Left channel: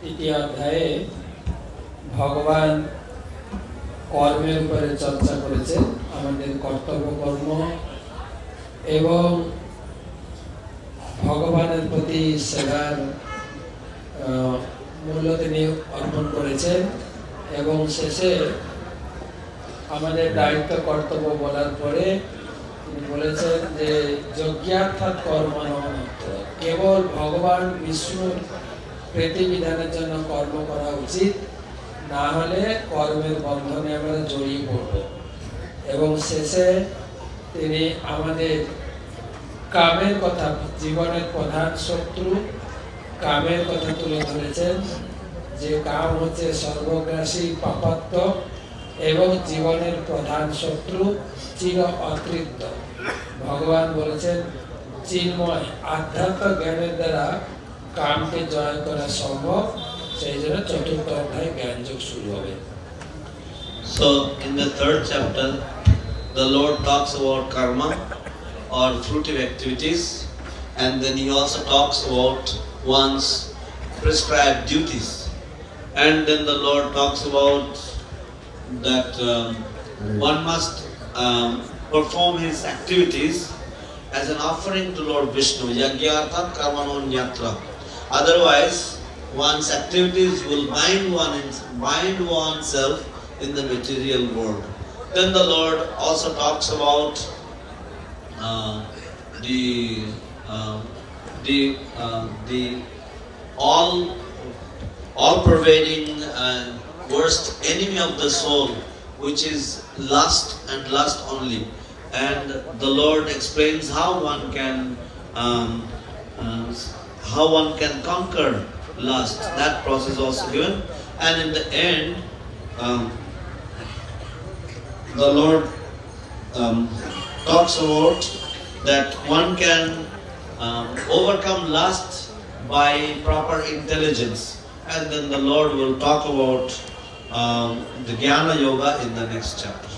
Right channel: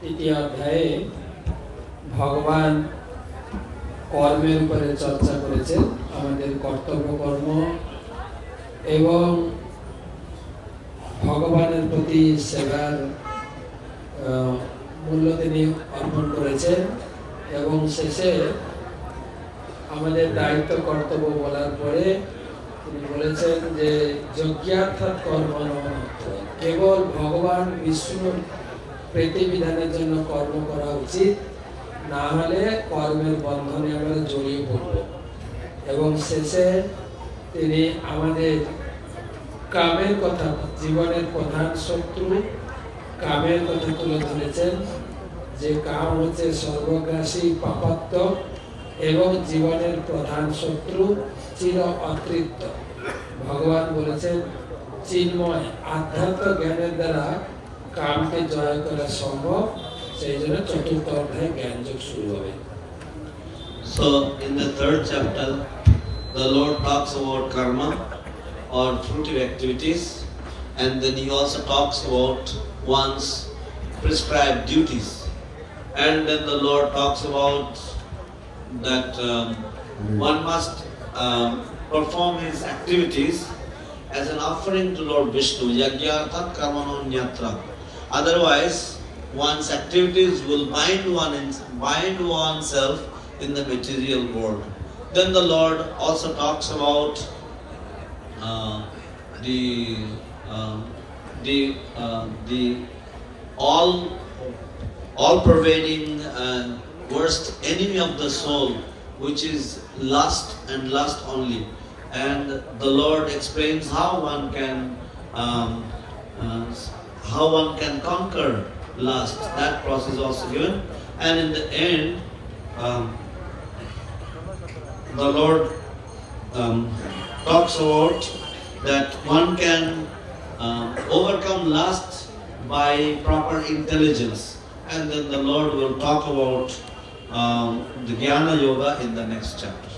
তৃতীয় অধ্যায়ে ভগবান কর্মের উপরে চর্চা করেছেন, আমাদের কর্তব্য কর্ম এবং ভগবানের প্রতি সেবার মূল্য তিনি অর্পণ করেছেন এবং শেষে আমাদের দায়িত্ব কর্তব্য বলার পরে তিনি বলেছেন যে যজ্ঞার্থাৎ কর্ম নয়, কেবল ভগবান বিষ্ণুর প্রীতিবিধানের জন্য কর্ম করা উচিত, না হলে কর্মের বন্ধনে আমরা জড়িয়ে পড়ব। এবং শেষে তিনি আমাদের কামের কথা, জীবনের প্রধান শত্রু কামের কথা তুলে ধরেছেন, যে কাম হচ্ছে সর্বগ্রাসী পাপাত্ম এবং জীবনের প্রধান শত্রু চির অতৃপ্ত। ভগবান বলেছেন চিন্ময় আধ্যাত্ম জ্ঞানের দ্বারা কামকে জয় করা সম্ভব, সেই জন্য চতুর্থ অধ্যায় জ্ঞানযোগ শুরু হবে। So in the third chapter the Lord talks about karma or fruitive activities, and then he also talks about one's prescribed duties, and then the Lord talks about that one must perform his activities as an offering to Lord Vishnu, yajñarthat karmanonyatra. Otherwise one's activities will bind oneself in the material world. Then the Lord also talks about the all-pervading worst enemy of the soul, which is lust and lust only. And the Lord explains how one can conquer lust. That process also given. And in the end, the Lord talks about that one can overcome lust by proper intelligence. And then the Lord will talk about the Jnana Yoga in the next chapter.